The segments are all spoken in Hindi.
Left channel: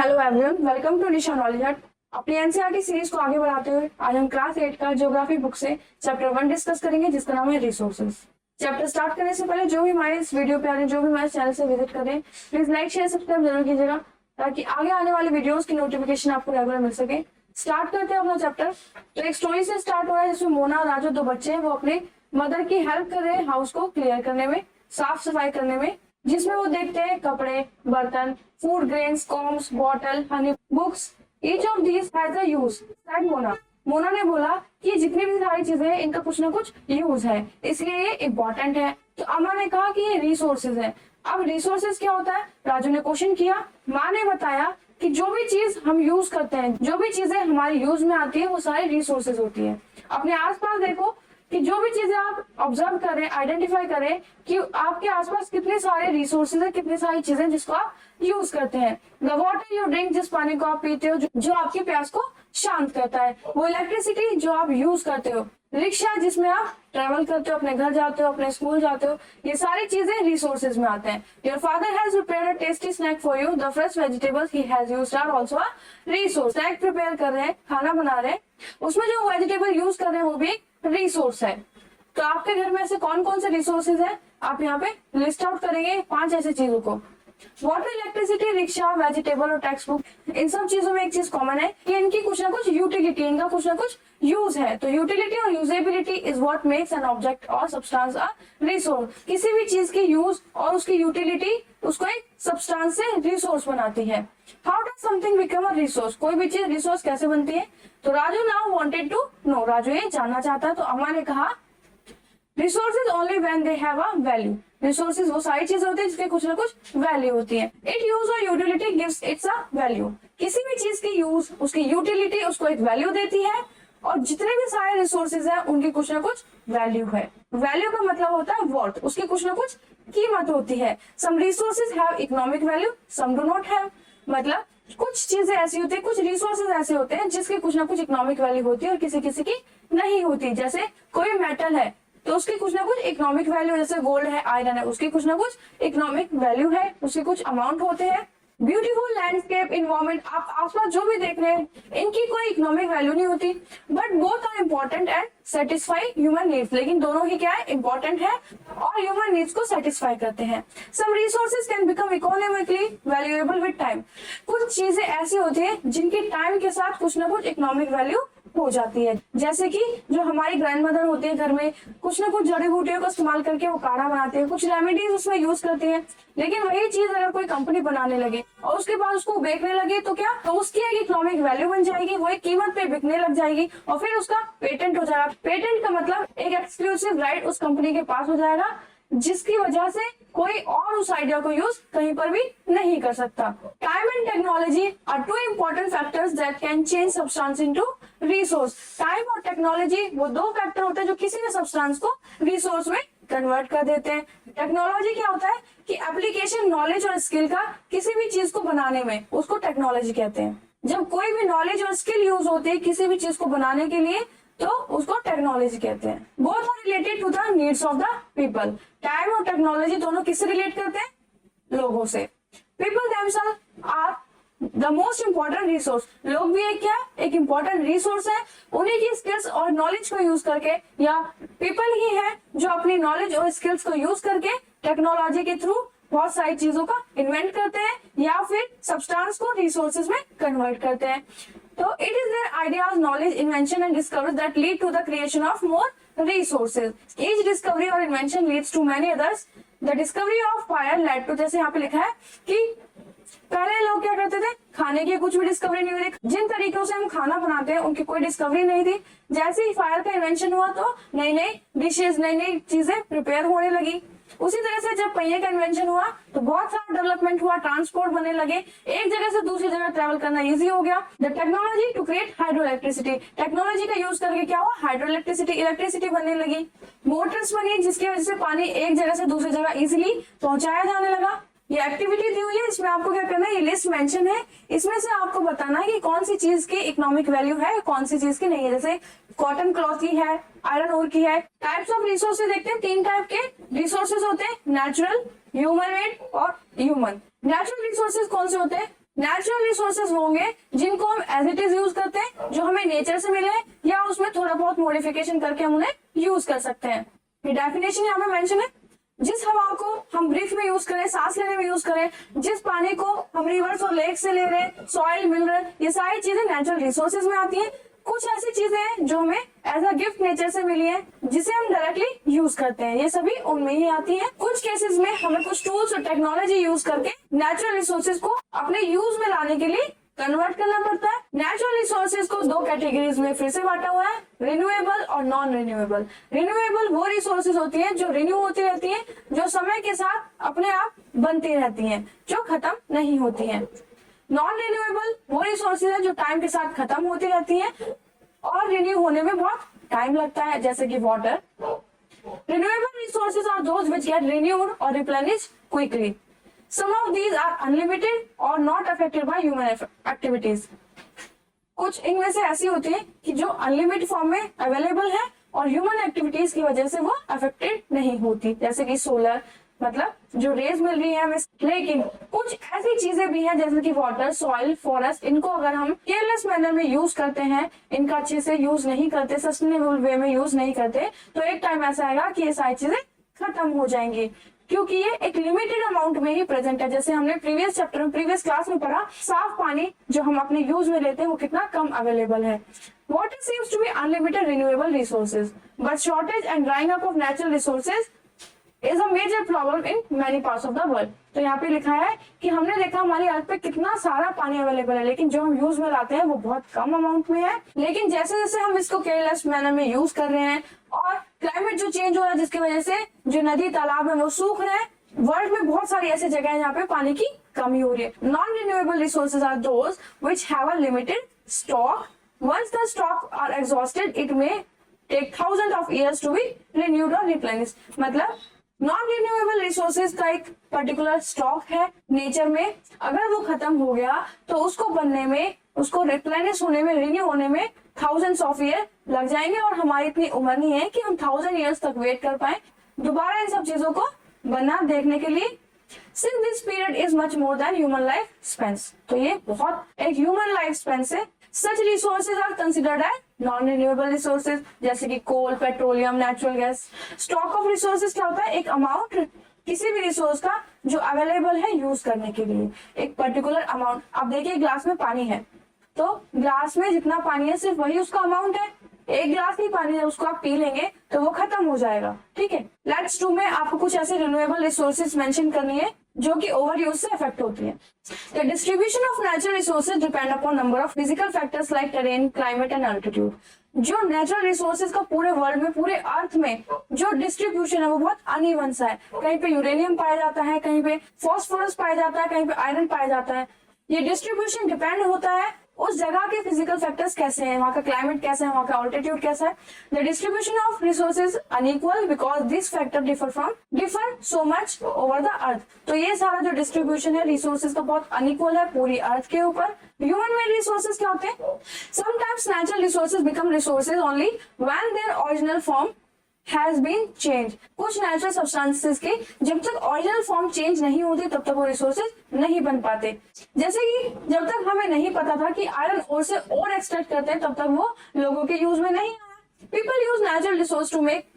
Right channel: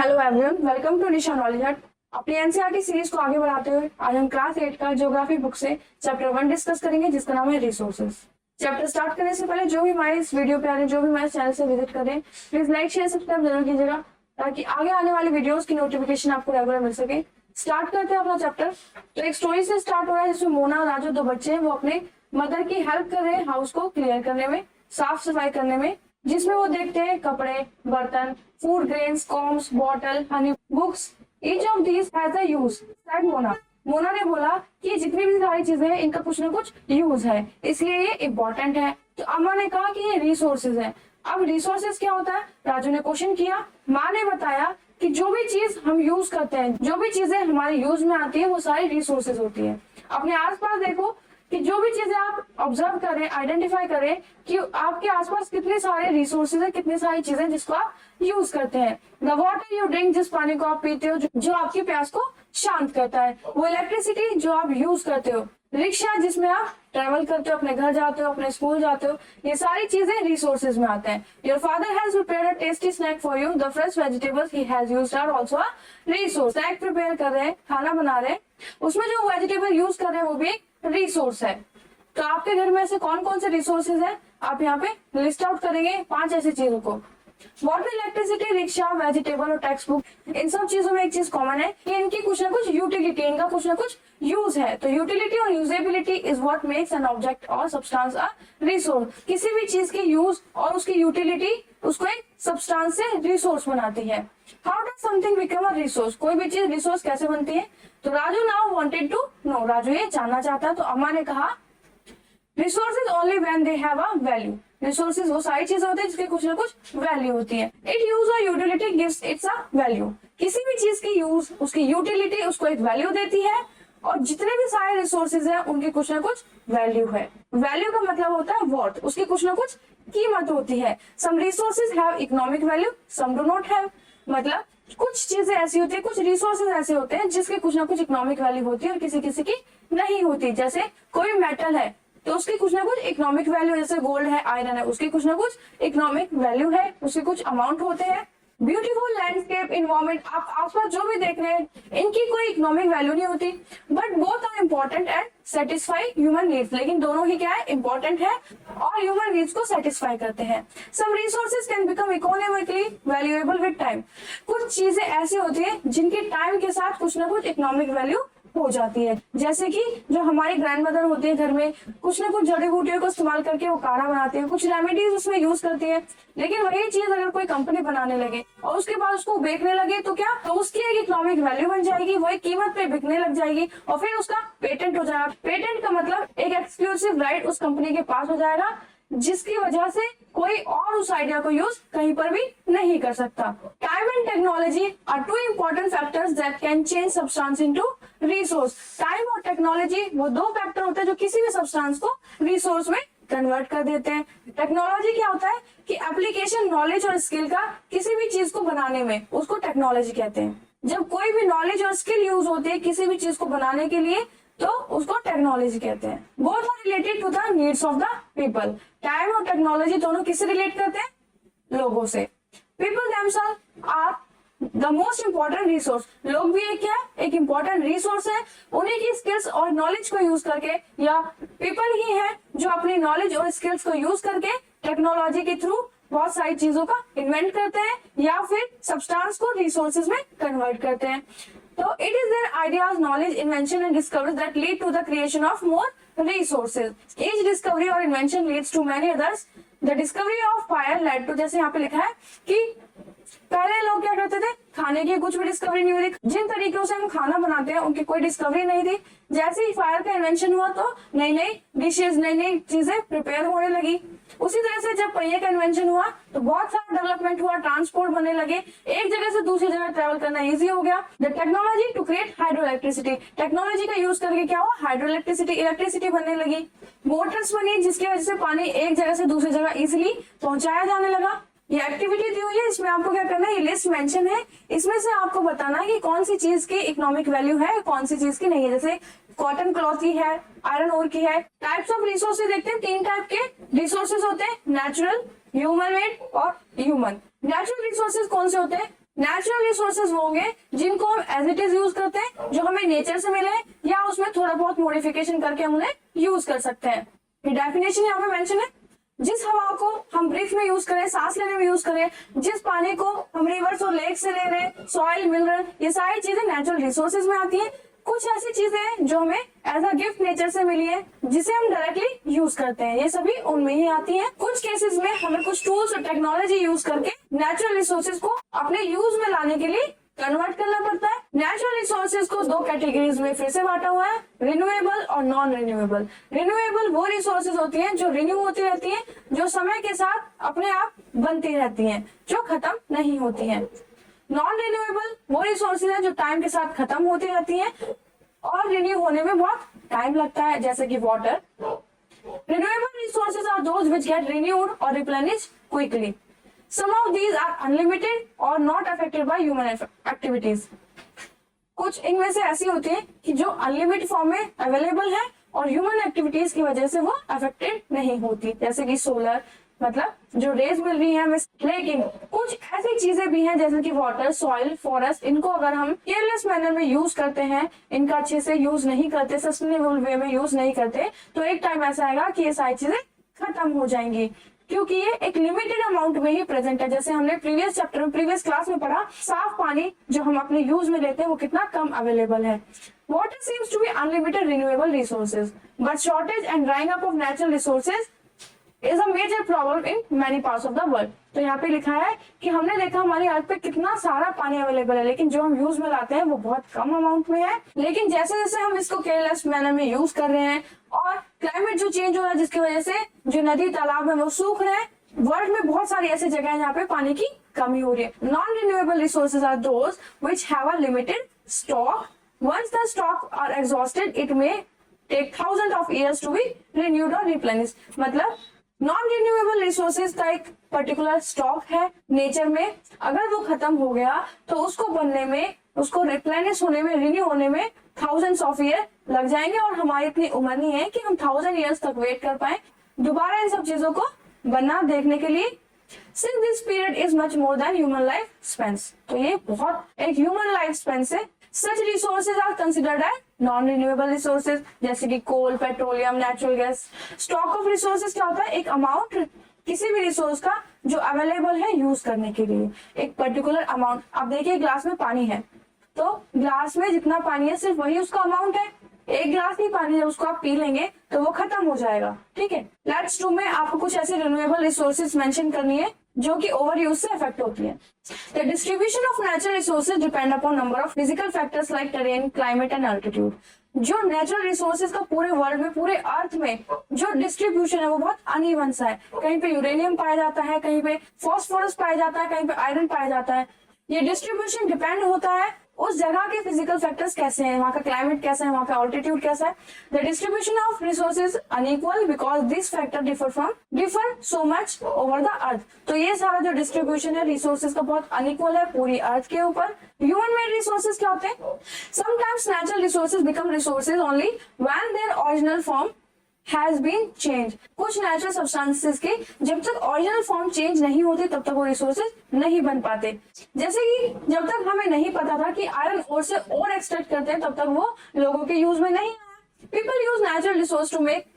Hello everyone, welcome to Nisha knowledge hut. अपनी एनसीईआरटी सीरीज को आगे बढ़ाते हुए आज हम क्लास 8 का ज्योग्राफी बुक से चैप्टर 1 डिस्कस करेंगे, जिसका नाम है रिसोर्सेज। चैप्टर स्टार्ट करने से पहले जो भी हमारे इस वीडियो पे आ रहे हैं, जो भी हमारे चैनल से विजिट करें, प्लीज लाइक शेयर सब्सक्राइब जरूर कीजिएगा ताकि आगे आने वाले वीडियोस की नोटिफिकेशन आपको रेगुलर मिल सके। स्टार्ट करते हैं अपना चैप्टर। तो एक स्टोरी से स्टार्ट हो रहा है जिसमें मोना और राजू, दो बच्चे हैं, वो अपने मदर की हेल्प कर रहे हैं हाउस को क्लियर करने में, साफ सफाई करने में, जिसमें वो देखते हैं कपड़े, बर्तन, food grains, combs, bottle, honey, books, each of these has a use. That Mona ने बोला कि जितनी भी सारी चीजें हैं इनका कुछ ना कुछ यूज है, इसलिए ये इम्पोर्टेंट है। तो अम्मा ने कहा कि ये रिसोर्सेज है। अब रिसोर्सेज क्या होता है, राजू ने क्वेश्चन किया। माँ ने बताया कि जो भी चीज हम यूज करते हैं, जो भी चीजें हमारे यूज में आती है, वो सारी रिसोर्सेज होती है। अपने आसपास देखो कि जो भी चीजें आप ऑब्जर्व करें, आइडेंटिफाई करें कि आपके आसपास कितने सारे रिसोर्सेज है, कितनी सारी चीजें जिसको आप यूज करते हैं। द वाटर यू ड्रिंक, जिस पानी को आप पीते हो, जो आपकी प्यास को शांत करता है। वो इलेक्ट्रिसिटी जो आप यूज करते हो। रिक्शा जिसमें आप ट्रेवल करते हो, अपने घर जाते हो, अपने स्कूल जाते हो, ये सारी चीजें रिसोर्सेज में आते हैं। Your father has prepared a tasty snack for you, the fresh vegetables he has used are also a resource. Snack prepare कर रहे हैं, खाना बना रहे हैं, उसमें जो वेजिटेबल यूज कर रहे हैं वो भी एक रिसोर्स है। तो आपके घर में ऐसे कौन कौन से रिसोर्सेज है, आप यहाँ पे लिस्ट आउट करेंगे 5 ऐसी चीजों को। वाटर, इलेक्ट्रिसिटी, रिक्शा, वेजिटेबल और टेक्स्ट बुक। इन सब चीजों में एक चीज कॉमन है कि इनकी कुछ ना कुछ यूटिलिटी, इनका कुछ ना कुछ यूज है। तो यूटिलिटी और usability is what makes an object और सब्सटेंस अ रिसोर्स। किसी भी चीज की यूज और उसकी यूटिलिटी उसको एक सब्सटेंस से रिसोर्स बनाती है। How does something become a resource, कोई भी चीज रिसोर्स कैसे बनती है। तो Raju now wanted to know, Raju ये जानना चाहता। तो अम्मा ने कहा resources only when they have a value. Resources वो सारी चीजें होती है जिसके कुछ ना कुछ वैल्यू होती है। इट यूज और utility gives it's a value. किसी भी चीज की यूज, उसकी यूटिलिटी उसको एक वैल्यू देती है, और जितने भी सारे रिसोर्सेज हैं उनकी कुछ ना कुछ वैल्यू है। वैल्यू का मतलब होता है वर्थ, उसकी कुछ ना कुछ कीमत होती है। Some resources have economic value, some do not have. मतलब कुछ चीजें ऐसी होती है, कुछ रिसोर्सेज ऐसे होते हैं जिसके कुछ ना कुछ इकोनॉमिक वैल्यू होती है और किसी किसी की नहीं होती। जैसे कोई मेटल है तो उसकी कुछ ना कुछ इकोनॉमिक वैल्यू, जैसे गोल्ड है, आयरन है, उसकी कुछ ना कुछ इकोनॉमिक वैल्यू है, उसके कुछ अमाउंट होते हैं। ब्यूटीफुल लैंडस्केप, इन्वायरमेंट, आप आसपास जो भी देख रहे हैं, इनकी कोई इकोनॉमिक वैल्यू नहीं होती, but both are important and satisfy human needs. लेकिन दोनों ही क्या है, इम्पोर्टेंट है और ह्यूमन नीड्स को सेटिस्फाई करते हैं। Some resources can become economically valuable with time. कुछ चीजें ऐसी होती है जिनके टाइम के साथ कुछ ना कुछ इकोनॉमिक वैल्यू हो जाती है। जैसे कि जो हमारी ग्रैंड मदर होती है, घर में कुछ ना कुछ जड़ी बूटियों को इस्तेमाल करके वो काढ़ा बनाते हैं, कुछ रेमेडीज उसमें यूज करते हैं। लेकिन वही चीज अगर कोई कंपनी बनाने लगे और उसके बाद उसको बेचने लगे तो क्या, तो उसकी एक इकोनॉमिक वैल्यू बन जाएगी, वो एक कीमत पे बिकने लग जाएगी और फिर उसका पेटेंट हो जाएगा। पेटेंट का मतलब एक एक्सक्लूसिव राइट उस कंपनी के पास हो जाएगा, जिसकी वजह से कोई और उस आइडिया को यूज कहीं पर भी नहीं कर सकता। Time and technology are two important factors that can change substance into resource. Time और टेक्नोलॉजी वो दो फैक्टर होते हैं जो किसी भी सब्सटेंस को रिसोर्स में कन्वर्ट कर देते हैं। टेक्नोलॉजी क्या होता है कि एप्लीकेशन, नॉलेज और स्किल का किसी भी चीज को बनाने में, उसको टेक्नोलॉजी कहते हैं। जब कोई भी नॉलेज और स्किल यूज होती है किसी भी चीज को बनाने के लिए तो उसको टेक्नोलॉजी कहते हैं। Both are related to the needs of the people. Time और टेक्नोलॉजी दोनों किससे रिलेट करते हैं, लोगों से। People themselves are the most important resource. लोग भी एक क्या, एक इम्पोर्टेंट रिसोर्स है। उन्हीं की स्किल्स और नॉलेज को यूज करके, या पीपल ही है जो अपनी नॉलेज और स्किल्स को यूज करके टेक्नोलॉजी के थ्रू बहुत सारी चीजों का इन्वेंट करते हैं या फिर सब्सटेंस को रिसोर्सेज में कन्वर्ट करते हैं। तो it is their ideas, knowledge, invention and discovery that lead to the creation of more resources. Each discovery और invention leads to many others. The discovery of fire led to, जैसे यहाँ पे लिखा है कि पहले लोग क्या करते थे, खाने की कुछ भी डिस्कवरी नहीं हुई थी, जिन तरीकों से हम खाना बनाते हैं उनकी कोई डिस्कवरी नहीं थी। जैसे ही फायर का इन्वेंशन हुआ तो नई नई डिशेज, नई नई चीजें प्रिपेयर होने लगी। उसी तरह से जब पहिए का इन्वेंशन हुआ तो बहुत सारा डेवलपमेंट हुआ, ट्रांसपोर्ट बनने लगे, एक जगह से दूसरी जगह ट्रेवल करना इजी हो गया। The technology to create hydro electricity, technology का यूज करके क्या हुआ, हाइड्रो इलेक्ट्रिसिटी, इलेक्ट्रिसिटी बनने लगी। मोटर्स बनी जिसकी वजह से पानी एक जगह से दूसरी जगह इजिली पहुंचाया जाने लगा। ये एक्टिविटी दी हुई है, इसमें आपको क्या करना है, ये लिस्ट मेंशन है, इसमें से आपको बताना है कि कौन सी चीज की इकोनॉमिक वैल्यू है, कौन सी चीज की नहीं है। जैसे कॉटन क्लॉथ की है, आयरन ओर की है। टाइप्स ऑफ रिसोर्सेज देखते हैं, 3 टाइप के रिसोर्सेज होते हैं, नेचुरल, ह्यूमन मेड और ह्यूमन। नेचुरल रिसोर्सेज कौन से होते हैं, नेचुरल रिसोर्सेज होंगे जिनको हम एज इट इज यूज करते हैं, जो हमें नेचर से मिले, या उसमें थोड़ा बहुत मॉडिफिकेशन करके हम उन्हें यूज कर सकते हैं। ये डेफिनेशन यहाँ पे मेंशन है। जिस हवा को हम ब्रीथ में यूज करें, सांस लेने में यूज करें, जिस पानी को हम रिवर्स और लेक से ले रहे हैं, सॉइल मिनरल, ये सारी चीजें नेचुरल रिसोर्सेज में आती है। कुछ ऐसी चीजें हैं जो हमें एज अ गिफ्ट नेचर से मिली है, जिसे हम डायरेक्टली यूज करते हैं, ये सभी उनमें ही आती हैं। कुछ केसेस में हमें कुछ टूल्स और टेक्नोलॉजी यूज करके नेचुरल रिसोर्सेज को अपने यूज में लाने के लिए कन्वर्ट करना पड़ता है। नेचुरल रिसोर्सेज को दो कैटेगरीज में फिर से बांटा हुआ है, रिन्यूएबल और नॉन रिन्यूएबल। रिन्यूएबल वो रिसोर्सेज होती हैं जो रिन्यू होती रहती हैं, जो समय के साथ अपने आप बनती रहती हैं, जो खत्म नहीं होती हैं। नॉन रिन्यूएबल वो रिसोर्सेज है जो टाइम के साथ खत्म होती रहती हैं और रिन्यू होने में बहुत टाइम लगता है, जैसे कि water. Renewable resources are those which get renewed और replenished quickly. Some of these are unlimited or not affected by human activities. कुछ इनमें से ऐसी होती है कि जो अनलिमिटेड फॉर्म में अवेलेबल है और ह्यूमन एक्टिविटीज की वजह से वो अफेक्टेड नहीं होती, जैसे कि सोलर, मतलब जो रेज मिल रही है हमें। लेकिन कुछ ऐसी चीजें भी हैं जैसे कि वाटर, सॉइल, फॉरेस्ट, इनको अगर हम केयरलेस मैनर में यूज करते हैं, इनका अच्छे से यूज नहीं करते, सस्टेनेबल वे में यूज नहीं करते, तो एक टाइम ऐसा आएगा कि ये सारी चीजें खत्म हो जाएंगी, क्योंकि ये एक लिमिटेड अमाउंट में ही प्रेजेंट है। जैसे हमने प्रीवियस क्लास में पढ़ा, साफ पानी जो हम अपने यूज में लेते हैं वो कितना कम अवेलेबल है। Water seems to be unlimited renewable resources, but shortage and drying up of natural resources is a major problem in many parts of the world. तो यहाँ पे लिखा है कि हमने देखा हमारी अर्थ पे कितना सारा पानी अवेलेबल है, लेकिन जो हम यूज में लाते हैं वो बहुत कम अमाउंट में है। लेकिन जैसे जैसे हम इसको केयरलेस मैनर में यूज कर रहे हैं और क्लाइमेट जो चेंज हो रहा है, जिसकी वजह से जो नदी तालाब है वो सूख रहे हैं, वर्ल्ड में बहुत सारी ऐसी जगह है जहाँ पे पानी की कमी हो रही है। Non renewable resources are those which have a limited stock. Once the stock are exhausted it may take thousand of years to be renewed और रिप्लेनिश्ड। मतलब नॉन रिन्यूएबल रिसोर्सेज का एक पर्टिकुलर स्टॉक है नेचर में, अगर वो खत्म हो गया तो उसको बनने में, उसको रिप्लेनिश होने में, रिन्यू होने में थाउजेंड्स ऑफ ईयर लग जाएंगे, और हमारी इतनी उम्र नहीं है कि हम 1000 ईयर्स तक वेट कर पाए दोबारा इन सब चीजों को बनना देखने के लिए। Since this period is much more than human life spans, तो ये बहुत एक ह्यूमन लाइफ स्पेन से। Such resources are considered as non-renewable resources, जैसे कि coal, petroleum, natural gas. Stock of resources क्या होता है? एक अमाउंट किसी भी रिसोर्स का जो अवेलेबल है यूज करने के लिए, एक पर्टिकुलर अमाउंट। अब देखिए ग्लास में पानी है, तो ग्लास में जितना पानी है सिर्फ वही उसका अमाउंट है। एक गिलास ही पानी जब उसको आप पी लेंगे तो वो खत्म हो जाएगा, ठीक है। लेट्स 2 में आपको कुछ ऐसे रिन्यूएबल रिसोर्सेज मेंशन करनी है जो कि ओवर यूज से अफेक्ट होती है। The distribution of natural resources depend upon number of physical factors like terrain, climate and altitude. जो नेचुरल रिसोर्सेज का पूरे वर्ल्ड में, पूरे अर्थ में जो डिस्ट्रीब्यूशन है वो बहुत अनइवन सा है। कहीं पे यूरेनियम पाया जाता है, कहीं पे फॉस्फोरस पाया जाता है, कहीं पे आयरन पाया जाता है। ये डिस्ट्रीब्यूशन डिपेंड होता है उस जगह के फिजिकल फैक्टर्स कैसे हैं, वहाँ का क्लाइमेट कैसा है, वहाँ का ऑल्टीट्यूड कैसा है। The distribution of resources unequal because this factor differ so much over the अर्थ। तो ये सारा जो डिस्ट्रीब्यूशन है रिसोर्सेज का बहुत अनइक्वल है पूरी अर्थ के ऊपर। ह्यूमन मेड रिसोर्सेज क्या होते हैं? Sometimes natural resources become resources only when their original form has been change. कुछ नेचुरल सब्सटेंसेस के जब तक ओरिजिनल फॉर्म चेंज नहीं होते तब तक वो रिसोर्सेज नहीं बन पाते। जैसे कि जब तक हमें नहीं पता था कि आयरन ओर से और एक्सट्रैक्ट करते हैं, तब तक वो लोगों के यूज में नहीं आया। People use natural resource to make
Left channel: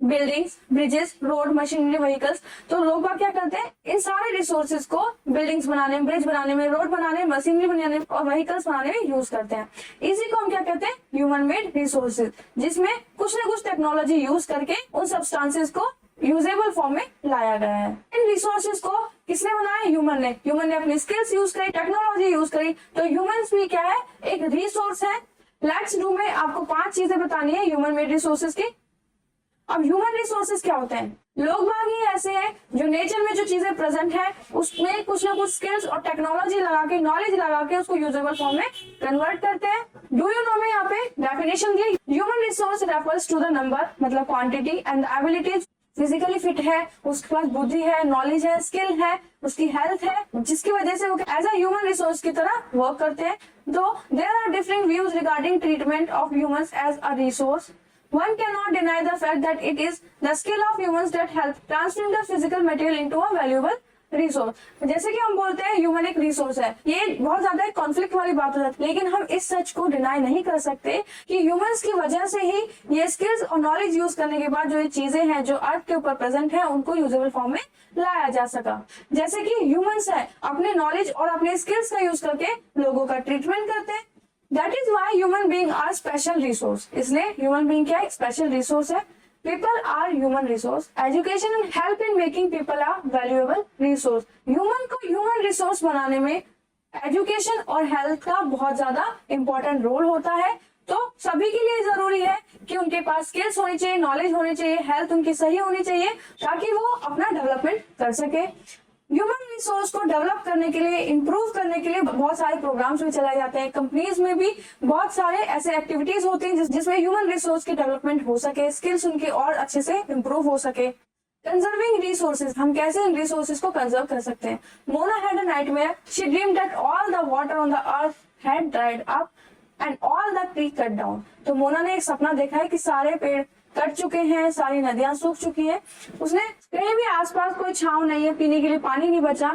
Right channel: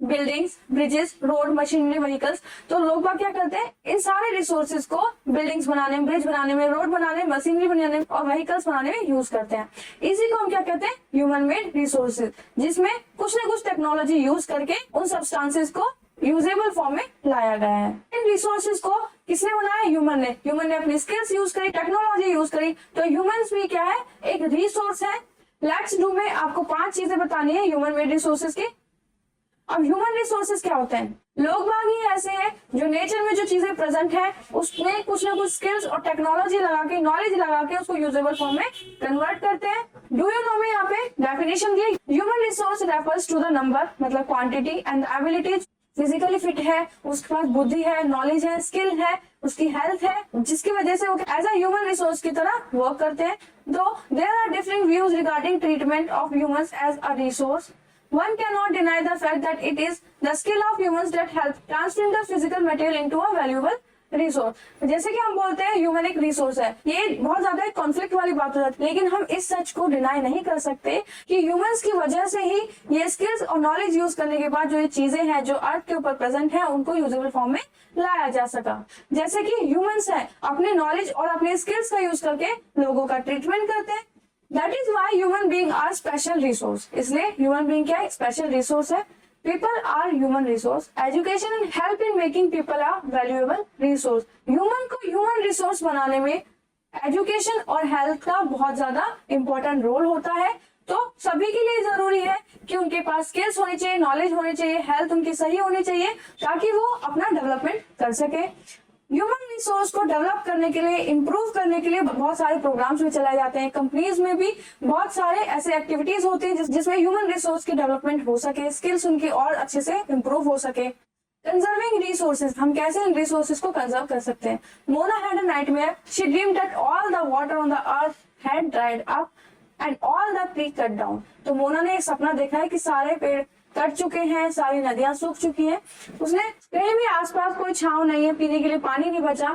buildings, bridges, road, machinery, vehicles. तो लोग क्या करते हैं, इन सारे रिसोर्सेज को बिल्डिंग्स बनाने में, ब्रिज बनाने में, रोड बनाने में, मशीनरी बनाने में और व्हीकल्स बनाने में यूज करते हैं। इसी को हम क्या कहते हैं? ह्यूमन मेड रिसोर्सेज, जिसमें कुछ ना कुछ टेक्नोलॉजी यूज करके उन सब्सटेंसेस को यूजेबल फॉर्म में लाया गया है। इन रिसोर्सेज को किसने बनाया? ह्यूमन ने। ह्यूमन ने अपनी स्किल्स यूज करी, टेक्नोलॉजी यूज करी। तो ह्यूमंस भी क्या है? एक रिसोर्स है। लेट्स डू में आपको 5 चीजें बतानी है ह्यूमन मेड रिसोर्सेज की। अब ह्यूमन रिसोर्सेज क्या होते हैं? लोग बाग ही ऐसे हैं जो नेचर में जो चीजें प्रेजेंट है उसमें कुछ ना कुछ स्किल्स और टेक्नोलॉजी लगा के, नॉलेज लगा के उसको यूजेबल फॉर्म में कन्वर्ट करते हैं। डू यू नो में यहाँ पे डेफिनेशन दी, human resource refers to the number, मतलब quantity and abilities. Physically fit है, उसके पास बुद्धि है, नॉलेज है, स्किल है, उसकी हेल्थ है, जिसकी वजह से वो एज अ ह्यूमन रिसोर्स की तरह वर्क करते हैं। Though there are different views regarding treatment of humans as a resource. One cannot deny the fact that it is the skill of humans that help transform the physical material into a valuable resource. जैसे कि हम बोलते हैं ह्यूमन एक रिसोर्स है, ये बहुत ज्यादा कॉन्फ्लिक्ट वाली बात हो जाती है, लेकिन हम इस सच को डिनाई नहीं कर सकते कि ह्यूमंस की वजह से ही ये स्किल्स और नॉलेज यूज करने के बाद जो ये चीजें हैं जो अर्थ के ऊपर प्रेजेंट है उनको यूजेबल फॉर्म में लाया जा सका। जैसे कि ह्यूमंस है अपने नॉलेज और अपने स्किल्स का यूज करके लोगों का ट्रीटमेंट करते हैं। That is why human being are special resource. इसलिए ह्यूमन बीइंग क्या है? स्पेशल रिसोर्स है। People are human resource. Education and help in making people a valuable resource. Human को human resource बनाने में एजुकेशन और हेल्थ का बहुत ज्यादा इंपॉर्टेंट रोल होता है। तो सभी के लिए जरूरी है कि उनके पास स्किल्स होनी चाहिए, नॉलेज होनी चाहिए, हेल्थ उनकी सही होनी चाहिए ताकि वो अपना डेवलपमेंट कर सके। ह्यूमन रिसोर्स को डेवलप करने के लिए, इंप्रूव करने के लिए बहुत सारे प्रोग्राम्स भी चलाए जाते हैं। कंपनीज में भी बहुत सारे ऐसे एक्टिविटीज होती हैं जिसमें ह्यूमन रिसोर्स की डेवलपमेंट हो सके, स्किल्स उनकी और अच्छे से इंप्रूव हो सके। कंजर्विंग रिसोर्सेज, हम कैसे इन रिसोर्सेज को कंजर्व कर सकते हैं। Mona had a nightmare, she dreamed that all the water on the earth had dried up and all the tree cut down. तो मोना ने एक सपना देखा है कि सारे पेड़ कट चुके हैं, सारी नदियां सूख चुकी हैं, उसने कहीं भी आसपास कोई छांव नहीं है, पीने के लिए पानी नहीं बचा,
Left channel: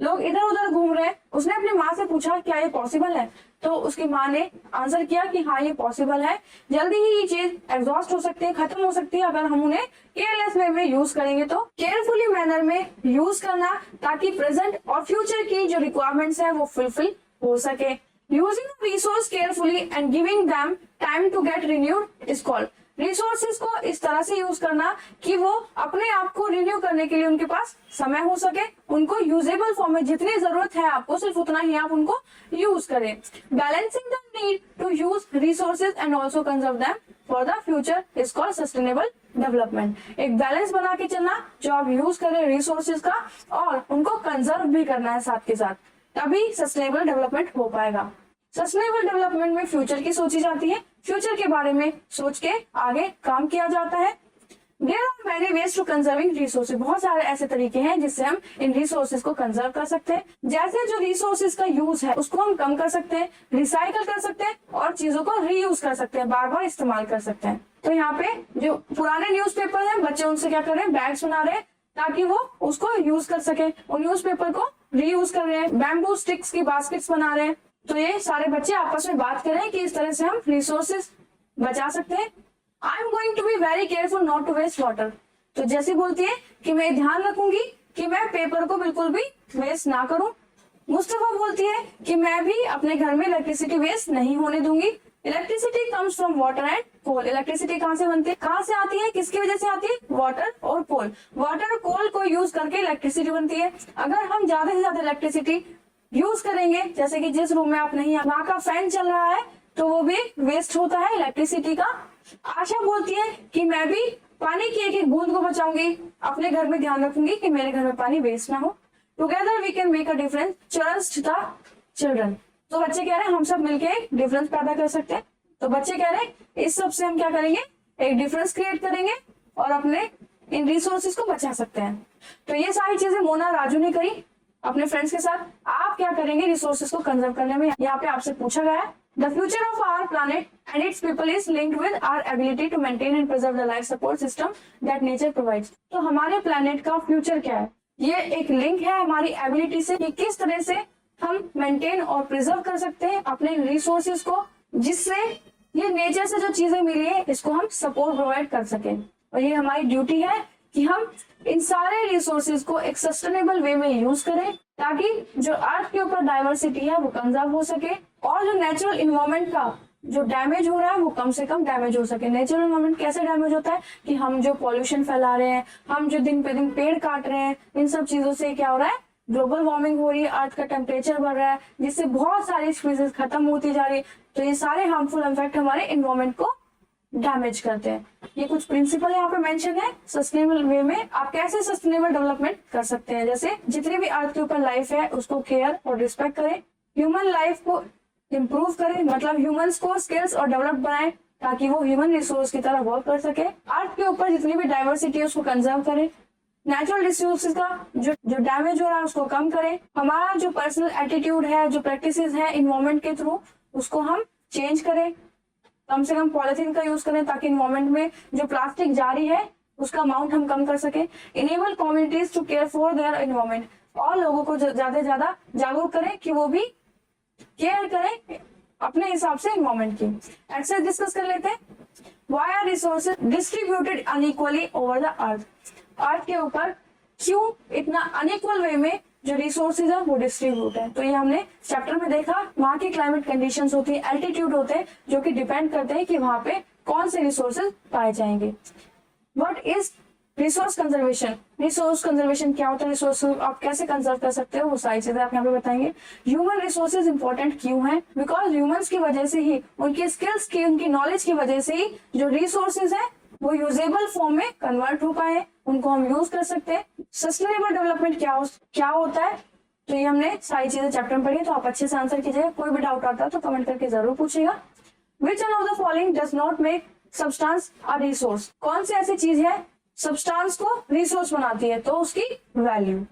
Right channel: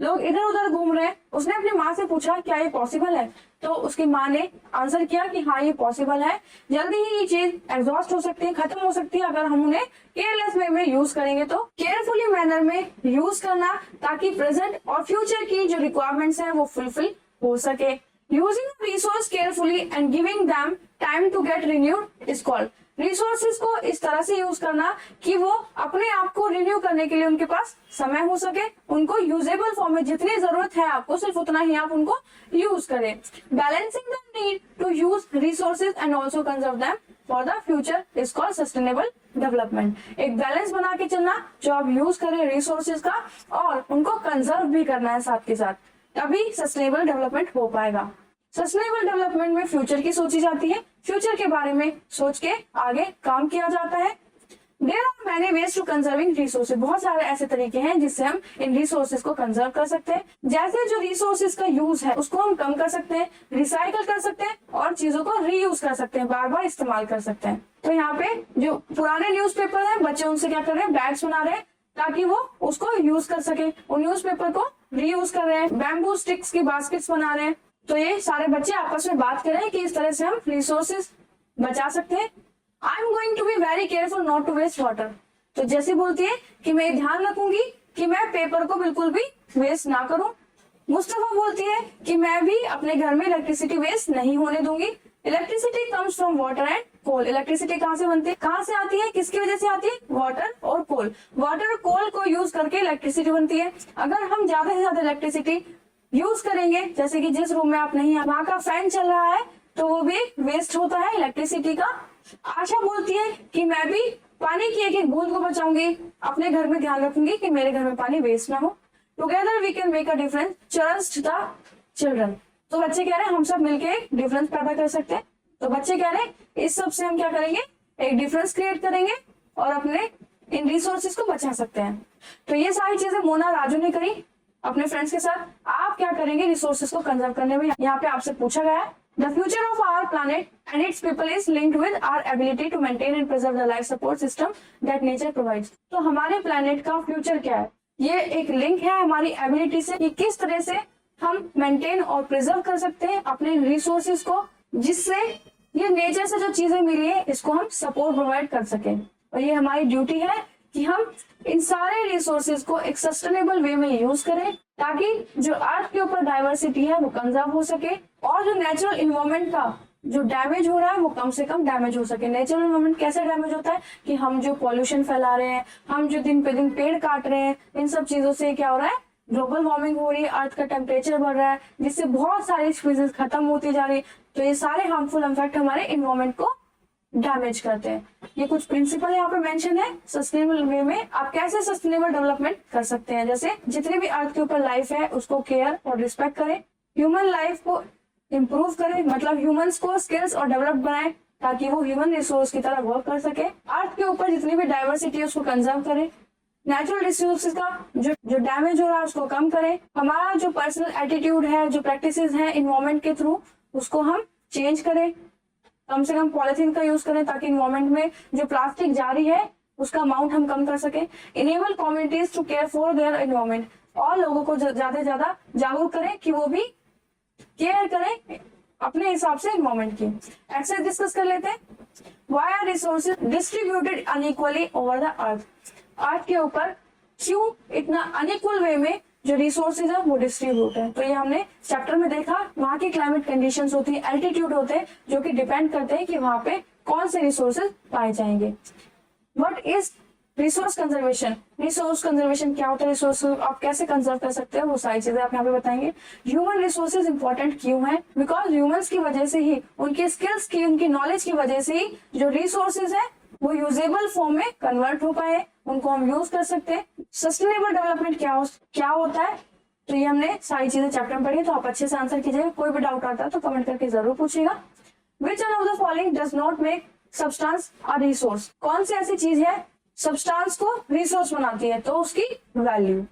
लोग इधर उधर घूम रहे हैं। उसने अपनी माँ से पूछा क्या ये पॉसिबल है? तो उसकी माँ ने आंसर किया कि हाँ ये पॉसिबल है, जल्दी ही ये चीज एग्जॉस्ट हो सकती है, खत्म हो सकती है अगर हम उन्हें केयरलेस वे में यूज करेंगे। तो केयरफुली मैनर में यूज करना ताकि प्रेजेंट और फ्यूचर की जो रिक्वायरमेंट्स है वो फुलफिल हो सके। Using resource carefully and giving them time to get renewed is called. Resources को इस तरह से यूज करना कि वो अपने आप को रिन्यू करने के लिए उनके पास समय हो सके, उनको यूजेबल फॉर्म में जितनी जरूरत है आपको सिर्फ उतना ही आप उनको यूज करें। Balancing the need to use resources and also conserve them for the future is called sustainable development. एक बैलेंस बना के चलना जो आप यूज करें रिसोर्सेज का और उनको कंजर्व भी करना है साथ के साथ, तभी सस्टेनेबल डेवलपमेंट हो पाएगा। सस्टेनेबल डेवलपमेंट में फ्यूचर की सोची जाती है, फ्यूचर के बारे में सोच के आगे काम किया जाता है। There are many ways to conserving resources. बहुत सारे ऐसे तरीके हैं जिससे हम इन रिसोर्सेज को कंजर्व कर सकते हैं। जैसे जो रिसोर्सेज का यूज है उसको हम कम कर सकते हैं, रिसाइकल कर सकते हैं और चीजों को रीयूज कर सकते हैं, बार बार इस्तेमाल कर सकते हैं। तो यहाँ पे जो पुराने न्यूज़पेपर हैं बच्चे उनसे क्या कर रहे हैं? बैग्स बना रहे हैं ताकि वो उसको यूज कर सके। वो न्यूज़पेपर को रीयूज कर रहे हैं, बैम्बू स्टिक्स की बास्केट्स बना रहे हैं। तो ये सारे बच्चे आपस में बात करें कि इस तरह से हम रिसोर्सेज बचा सकते हैं। I am going to be very careful not to waste water. तो जैसी बोलती है कि मैं ध्यान रखूंगी कि मैं पेपर को बिल्कुल भी वेस्ट ना करूं। मुस्तफा बोलती है कि मैं भी अपने घर में इलेक्ट्रिसिटी वेस्ट नहीं होने दूंगी। Electricity comes from water and coal. Electricity कहाँ से बनती है, कहाँ से आती है, किसकी वजह से आती है? वाटर और कोल। वाटर और कोल को यूज करके इलेक्ट्रिसिटी बनती है। अगर हम ज्यादा से ज्यादा इलेक्ट्रिसिटी यूज करेंगे, जैसे कि जिस रूम में आप नहीं है वहां का फैन चल रहा है तो वो भी वेस्ट होता है इलेक्ट्रिसिटी का। आशा बोलती है कि मैं भी पानी की एक एक बूंद को बचाऊंगी, अपने घर में ध्यान रखूंगी कि मेरे घर में पानी वेस्ट ना हो। Together we can make a difference, trust the children. तो बच्चे कह रहे हैं हम सब मिलके डिफरेंस पैदा कर सकते हैं। तो बच्चे कह रहे हैं इस सब से हम क्या करेंगे? एक डिफरेंस क्रिएट करेंगे और अपने इन रिसोर्सेज को बचा सकते हैं। तो ये सारी चीजें मोना राजू ने करी अपने फ्रेंड्स के साथ। आप क्या करेंगे रिसोर्सेज को कंजर्व करने में? यहाँ पे आपसे पूछा गया है। The future of our planet and its people is linked with our ability to maintain and preserve the life support system that nature provides. तो हमारे प्लैनेट का फ्यूचर क्या है? ये एक लिंक है हमारी एबिलिटी से कि किस तरह से हम मेंटेन और प्रिजर्व कर सकते हैं अपने रिसोर्सेज को, जिससे ये नेचर से जो चीजें मिली है इसको हम सपोर्ट प्रोवाइड कर सकें। और ये हमारी ड्यूटी है कि हम इन सारे रिसोर्सेज को एक सस्टेनेबल वे में यूज करें ताकि जो अर्थ के ऊपर डाइवर्सिटी है वो कंजर्व हो सके और जो नेचुरल इन्वायरमेंट का जो डैमेज हो रहा है वो कम से कम डैमेज हो सके। नेचुरल इन्वायरमेंट कैसे डैमेज होता है कि हम जो पॉल्यूशन फैला रहे हैं, हम जो दिन पे दिन पेड़ काट रहे हैं, इन सब चीजों से क्या हो रहा है? ग्लोबल वार्मिंग हो रही है, अर्थ का टेम्परेचर बढ़ रहा है, जिससे बहुत सारी स्पीसीज खत्म होती जा रही है। तो ये सारे हार्मफुल इफेक्ट हमारे इन्वायरमेंट को डैमेज करते हैं। ये कुछ प्रिंसिपल यहाँ पे मेंशन है सस्टेनेबल वे में आप कैसे सस्टेनेबल डेवलपमेंट कर सकते हैं। जैसे जितनी भी अर्थ के ऊपर लाइफ है उसको केयर और रिस्पेक्ट करें, ह्यूमन लाइफ को इम्प्रूव करें, मतलब ह्यूमंस को स्किल्स और डेवलप बनाएं ताकि वो ह्यूमन रिसोर्स की तरह वर्क कर सके। अर्थ के ऊपर जितनी भी डाइवर्सिटी है उसको कंजर्व करें, नेचुरल रिसोर्सेज का जो डैमेज हो रहा है उसको कम करें। हमारा जो पर्सनल एटीट्यूड है, जो प्रैक्टिसेस है इन्वायरमेंट के थ्रू, उसको हम चेंज करें। कम से कम पॉलिथीन का यूज करें ताकि इन्वायरमेंट में जो प्लास्टिक जारी है उसका अमाउंट हम कम कर सके। Enable communities to care for their environment. और लोगों को ज्यादा से ज्यादा जागरूक करें कि वो भी केयर करें अपने हिसाब से इन्वायरमेंट की। एक्सरसाइज डिस्कस कर लेते हैं। Why are resources distributed unequally over the earth? Earth के ऊपर क्यों इतना अनइक्वल वे में जो रिसोर्सेज है वो डिस्ट्रीब्यूट है? तो ये हमने चैप्टर में देखा। वहां की क्लाइमेट कंडीशंस होती है, एल्टीट्यूड होते हैं, जो कि डिपेंड करते हैं कि वहां पे कौन से रिसोर्सेज पाए जाएंगे। What is resource conservation? Resource conservation क्या होता है? रिसोर्स आप कैसे कंजर्व कर सकते हैं, वो सारी चीजें आप यहाँ पे बताएंगे। ह्यूमन रिसोर्सेज इंपॉर्टेंट क्यों है? बिकॉज ह्यूमंस की वजह से ही, उनकी स्किल्स की, उनकी नॉलेज की वजह से ही जो रिसोर्सेज है वो यूजेबल फॉर्म में कन्वर्ट हो पाए, उनको हम यूज कर सकते हैं। सस्टेनेबल डेवलपमेंट क्या होता है? तो ये हमने सारी चीजें चैप्टर में पढ़ी, तो आप अच्छे से आंसर कीजिएगा। कोई भी डाउट आता है तो कमेंट करके जरूर पूछिएगा। Which one of the following does not make substance a resource? कौन सी ऐसी चीज है सब्सटेंस को रिसोर्स बनाती है? तो उसकी value.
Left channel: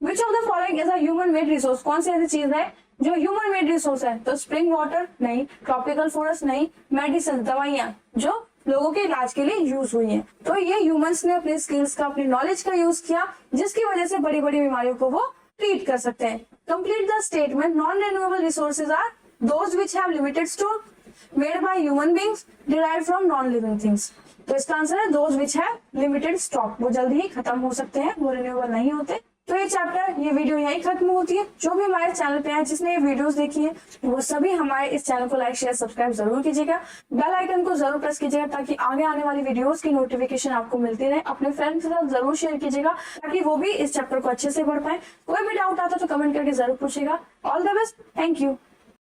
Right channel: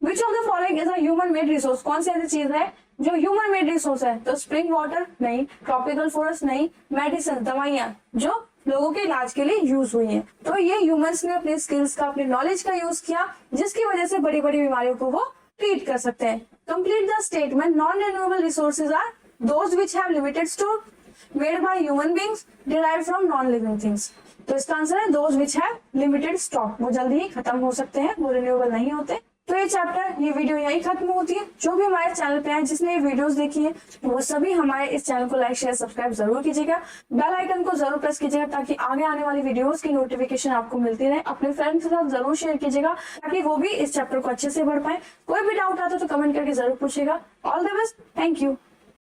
Which of the following is a human made resource? कौन सी ऐसी चीज है जो ह्यूमन मेड रिसोर्स है? तो स्प्रिंग वाटर नहीं, ट्रॉपिकल फॉरेस्ट नहीं, मेडिसिन दवाइयां जो लोगों के इलाज के लिए यूज हुई हैं। तो ये ह्यूमंस ने अपने स्किल्स का, अपनी नॉलेज का यूज किया, जिसकी वजह से बड़ी बड़ी बीमारियों को वो ट्रीट कर सकते हैं। Complete the statement. Non renewable resources are those which have limited store made by human beings derived from non living things. तो इसका आंसर है those which have limited stock. वो जल्दी ही खत्म हो सकते हैं, वो रिन्यूएबल नहीं होते। तो ये चैप्टर, ये वीडियो यहीं खत्म होती है। जो भी हमारे चैनल पे है, जिसने ये वीडियोस देखी है, वो सभी हमारे इस चैनल को लाइक शेयर सब्सक्राइब जरूर कीजिएगा। बेल आइकन को जरूर प्रेस कीजिएगा ताकि आगे आने वाली वीडियोस की नोटिफिकेशन आपको मिलती रहे। अपने फ्रेंड्स के साथ जरूर शेयर कीजिएगा ताकि वो भी इस चैप्टर को अच्छे से पढ़ पाए। कोई भी डाउट आता है तो कमेंट करके जरूर पूछिएगा। All the best, thank you.